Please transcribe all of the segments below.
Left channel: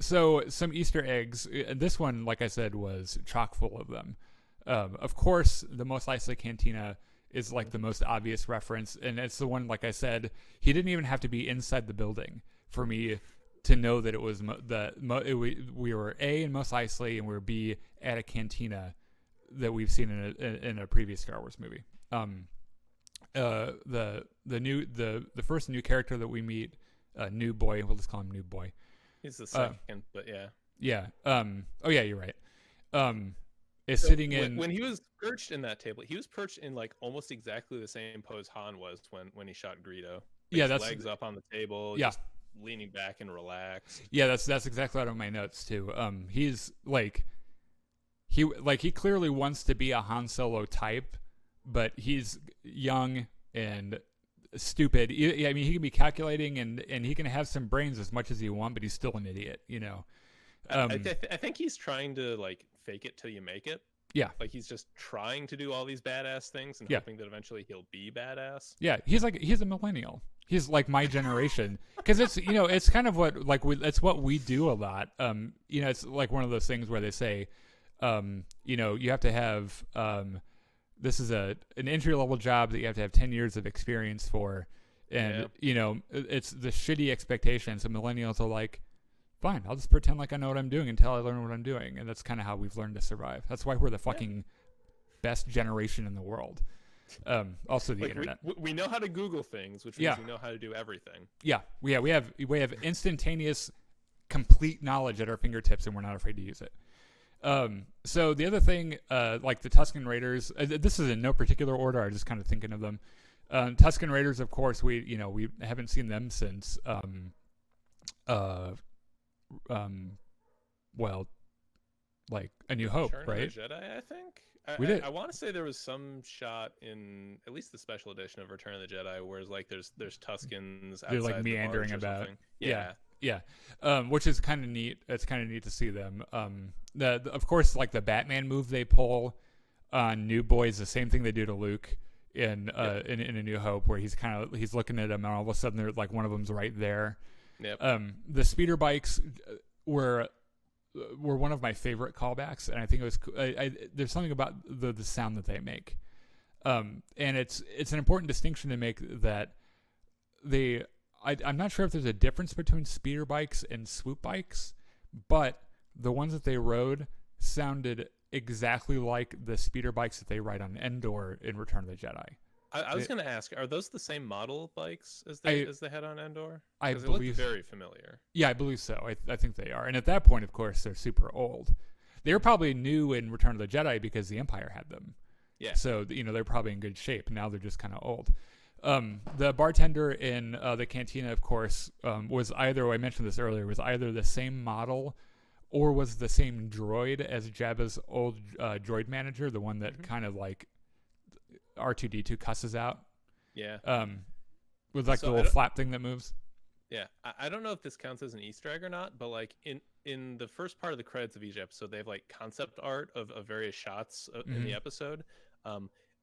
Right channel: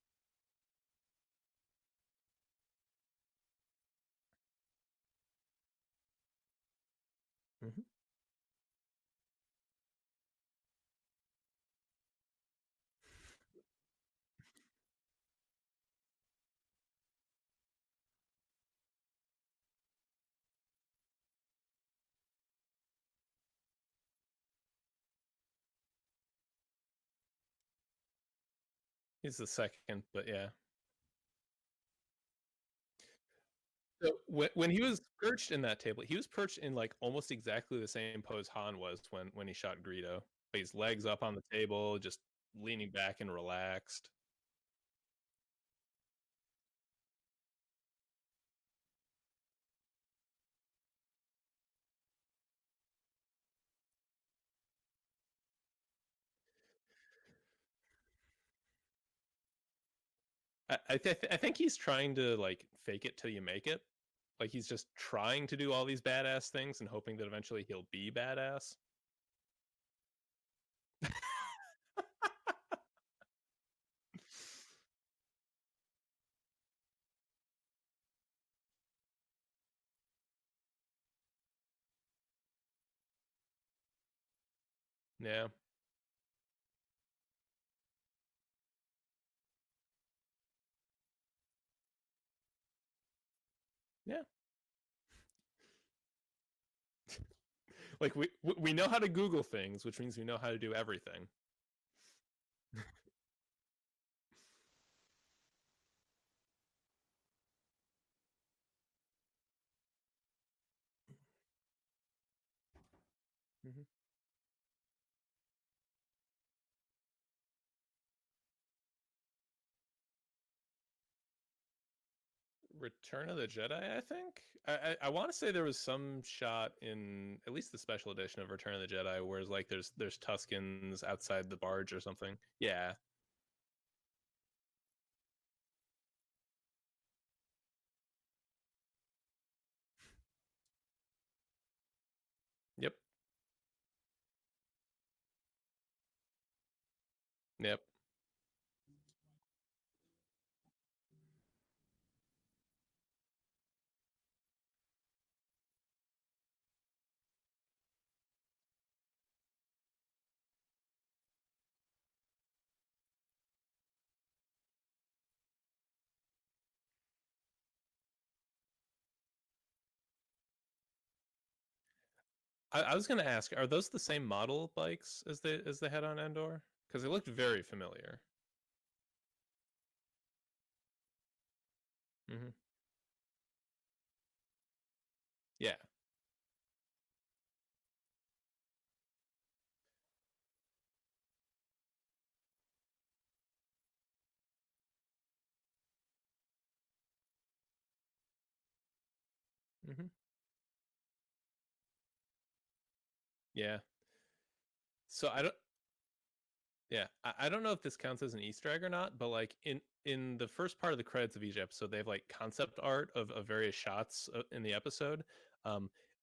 So some Easter eggs. This one, like I said, was chock full of them. Of course, the Mos Eisley Cantina is like the most obvious reference, and it's the one, like I said, he didn't even have to be inside the building for me to know that it was we were A in Mos Eisley and we were B at a cantina that we've seen in a previous Star Wars movie. The first new character that we meet, New Boy, we'll just call him New Boy. He's the second, but yeah. Yeah. Oh yeah, you're right. Is sitting in when he was perched in that table, he was perched in like almost exactly the same pose Han was when he shot Greedo. His legs up on the table, just leaning back and relaxed. Yeah, that's exactly out of my notes too. He's like he clearly wants to be a Han Solo type, but he's young and stupid. I mean, he can be calculating and he can have some brains as much as you want, but he's still an idiot, you know. I think he's trying to like fake it till you make it. Yeah, like he's just trying to do all these badass things and hoping that eventually he'll be badass. Yeah, he's a millennial. He's like my generation, because it's it's kind of what it's what we do a lot. It's like one of those things where they say, you have to have this is an entry level job that you have to have 10 years of experience for, and it's the shitty expectation. So millennials are like, fine, I'll just pretend like I know what I'm doing until I learn what I'm doing, and that's kind of how we've learned to survive. That's why we're the fucking best generation in the world. Also, the internet. We know how to Google things, which means we know how to do everything. Yeah, we have instantaneous, complete knowledge at our fingertips, and we're not afraid to use it. So the other thing, like the Tusken Raiders, this is in no particular order. I'm just kind of thinking of them. Tusken Raiders, of course, we haven't seen them since like A New Hope, Return right? of the Jedi, I think. I want to say there was some shot in at least the special edition of Return of the Jedi where it's like there's Tuskens outside like the barge or something. Yeah. Which is kind of neat. It's kind of neat to see them. Of course, like the Batman move they pull on New Boy is the same thing they do to Luke in A New Hope, where he's looking at him and all of a sudden they're like one of them's right there. Yep. The speeder bikes were one of my favorite callbacks, and I think it was there's something about the sound that they make, and it's an important distinction to make that I'm not sure if there's a difference between speeder bikes and swoop bikes, but the ones that they rode sounded exactly like the speeder bikes that they ride on Endor in Return of the Jedi. I was going to ask, are those the same model bikes as they had on Endor? Because they look very familiar. Yeah, I believe so. I think they are. And at that point, of course, they're super old. They were probably new in Return of the Jedi because the Empire had them. Yeah. So, they're probably in good shape. Now they're just kind of old. The bartender in the cantina, of course, was either, I mentioned this earlier, was either the same model or was the same droid as Jabba's old droid manager, the one that kind of like R2-D2 cusses out. Yeah. With like the little flap thing that moves. Yeah. I don't know if this counts as an Easter egg or not, but like in the first part of the credits of each episode, they have like concept art of various shots in the episode.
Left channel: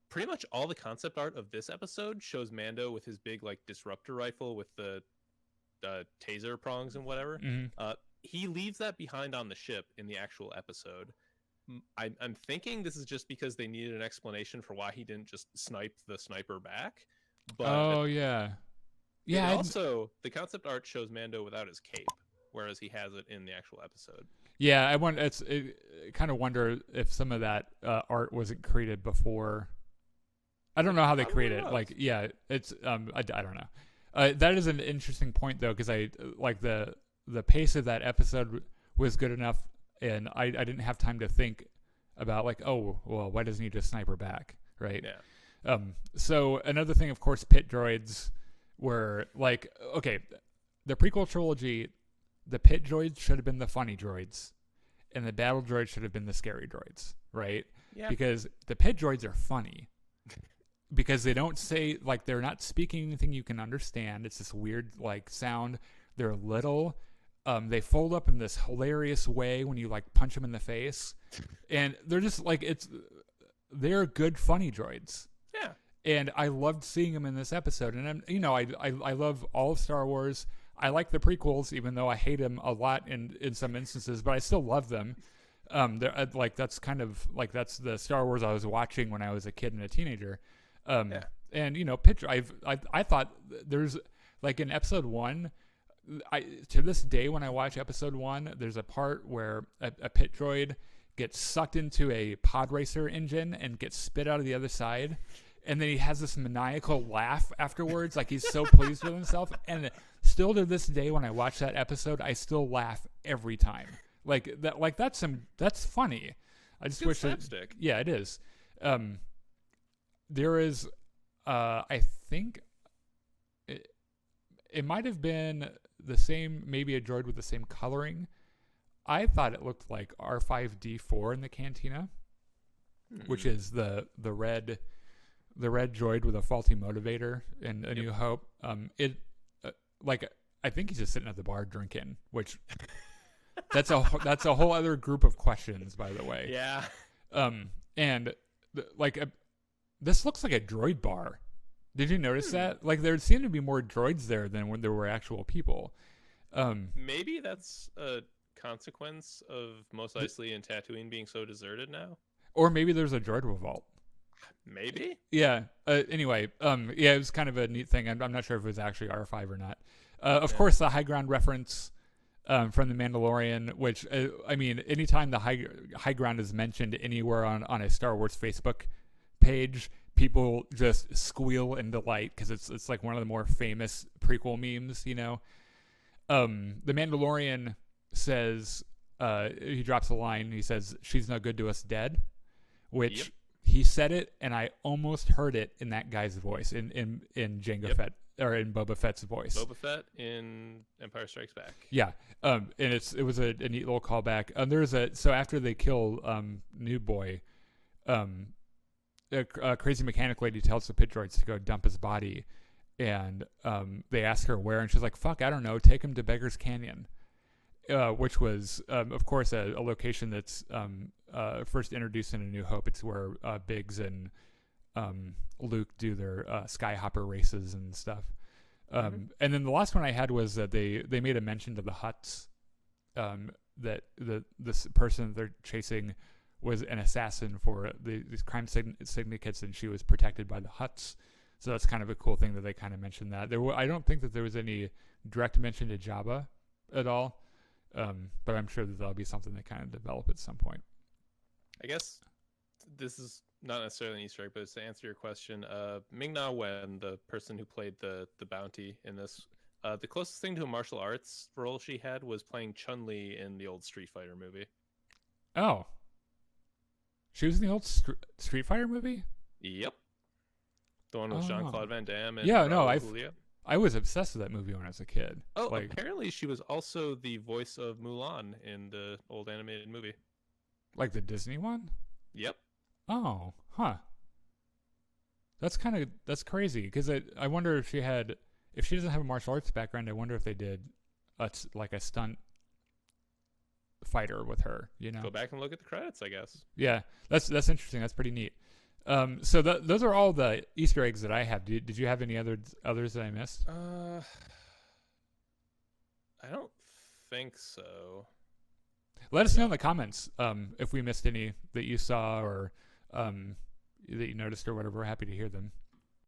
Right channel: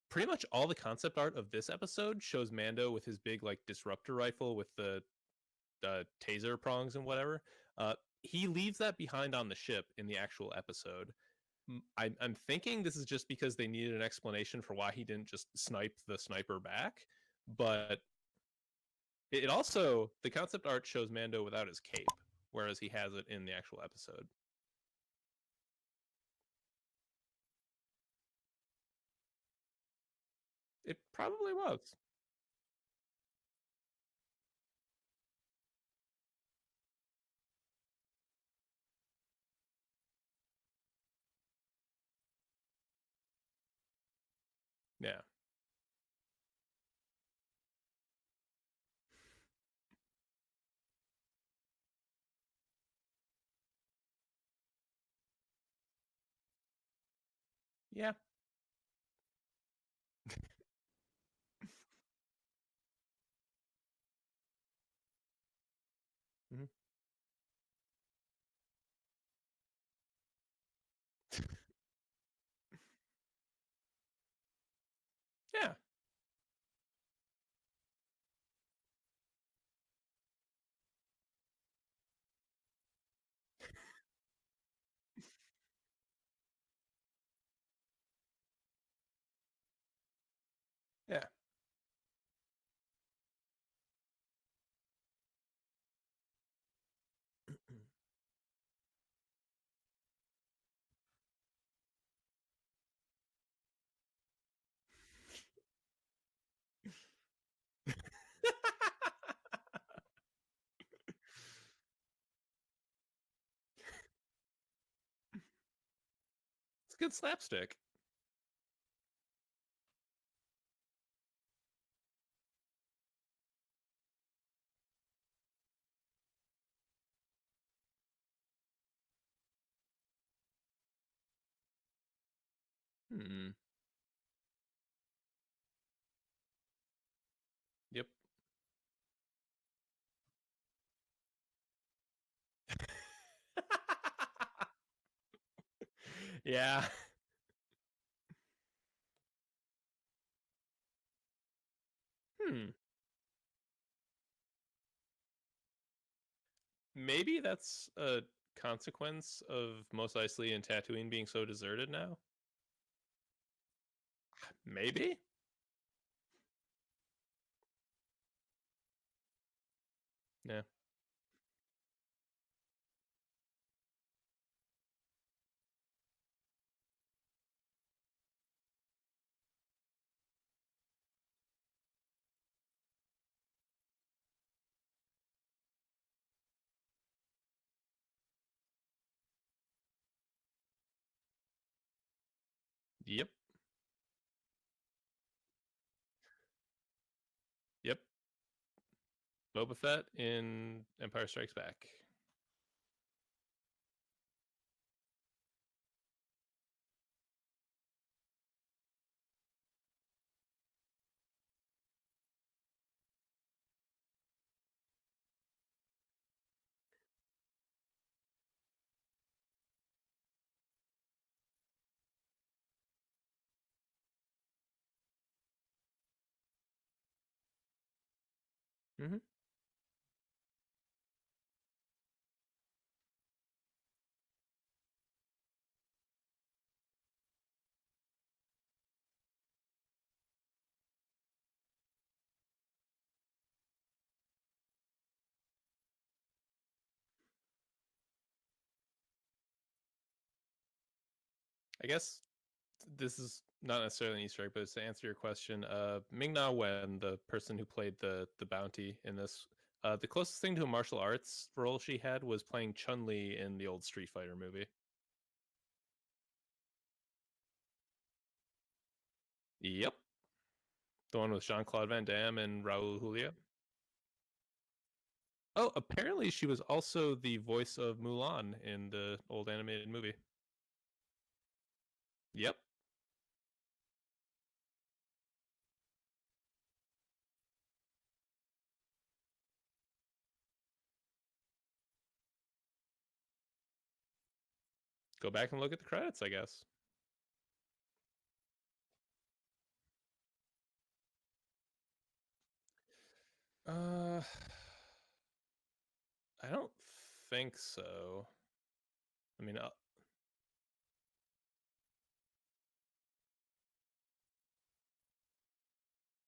Pretty much all the concept art of this episode shows Mando with his big like disruptor rifle with the taser prongs and whatever. He leaves that behind on the ship in the actual episode. I'm thinking this is just because they needed an explanation for why he didn't just snipe the sniper back. But yeah. Also, the concept art shows Mando without his cape, whereas he has it in the actual episode. Yeah, I kind of wonder if some of that art wasn't created before. I don't know how they created it. Like, yeah, it's I don't know. That is an interesting point though, because I like the pace of that episode was good enough. And I didn't have time to think about like, oh, well, why doesn't he just sniper back, right? Yeah. So another thing, of course, pit droids were like, okay, the prequel trilogy, the pit droids should have been the funny droids, and the battle droids should have been the scary droids, right? Yeah. Because the pit droids are funny because they don't say, like, they're not speaking anything you can understand. It's this weird like sound. They're little. They fold up in this hilarious way when you like punch them in the face, and they're just like they're good funny droids. Yeah, and I loved seeing them in this episode. And I love all of Star Wars. I like the prequels, even though I hate them a lot in some instances, but I still love them. Like that's kind of like that's the Star Wars I was watching when I was a kid and a teenager. Yeah. And I thought there's like in episode 1, to this day when I watch episode 1, there's a part where a pit droid gets sucked into a pod racer engine and gets spit out of the other side, and then he has this maniacal laugh afterwards, like he's so pleased with himself. And still to this day, when I watch that episode, I still laugh every time. Like that, like that's funny. I just wish slapstick. Yeah, it is. There is, I think, it might have been the same, maybe a droid with the same coloring. I thought it looked like R5D4 in the Cantina, which is the red droid with a faulty motivator in A New Hope. I think he's just sitting at the bar drinking, which that's a whole other group of questions, by the way. Yeah. This looks like a droid bar. Did you notice that? Like there seemed to be more droids there than when there were actual people. Maybe that's a consequence of Mos Eisley and Tatooine being so deserted now. Or maybe there's a droid revolt. Maybe. Yeah. Anyway, it was kind of a neat thing. I'm not sure if it was actually R5 or not. Of course, the high ground reference from the Mandalorian, which I mean, anytime the high ground is mentioned anywhere on a Star Wars Facebook page, people just squeal in delight because it's like one of the more famous prequel memes. You know, the Mandalorian says he drops a line. He says, "She's no good to us dead," which he said it, and I almost heard it in that guy's voice in Jango Fett, or in Boba Fett's voice. Boba Fett in Empire Strikes Back. Yeah, and it was a neat little callback. So after they kill New Boy, a crazy mechanic lady tells the pit droids to go dump his body, and they ask her where, and she's like, "Fuck, I don't know. Take him to Beggar's Canyon." Which was, of course, a location that's first introduced in A New Hope. It's where Biggs and Luke do their skyhopper races and stuff. And then the last one I had was that they made a mention to the Hutts, that this person that they're chasing was an assassin for these crime syndicates, and she was protected by the Hutts. So that's kind of a cool thing that they kind of mentioned that. I don't think that there was any direct mention to Jabba at all. But I'm sure that that'll be something they kind of develop at some point. I guess this is not necessarily an Easter egg, but it's to answer your question. Ming-Na Wen, the person who played the bounty in this, the closest thing to a martial arts role she had was playing Chun-Li in the old Street Fighter movie. Oh. She was in the old Street Fighter movie? Yep. The one with Jean-Claude Van Damme and Julia. I was obsessed with that movie when I was a kid. Oh, apparently she was also the voice of Mulan in the old animated movie. Like the Disney one? Yep. Oh, huh. That's crazy, because I wonder if she doesn't have a martial arts background, I wonder if they did a stunt fighter with her, you know? Go back and look at the credits, I guess. Yeah, that's interesting. That's pretty neat. So those are all the Easter eggs that I have. Did you have any others that I missed? I don't think so. Let us know in the comments if we missed any that you saw or that you noticed or whatever. We're happy to hear them.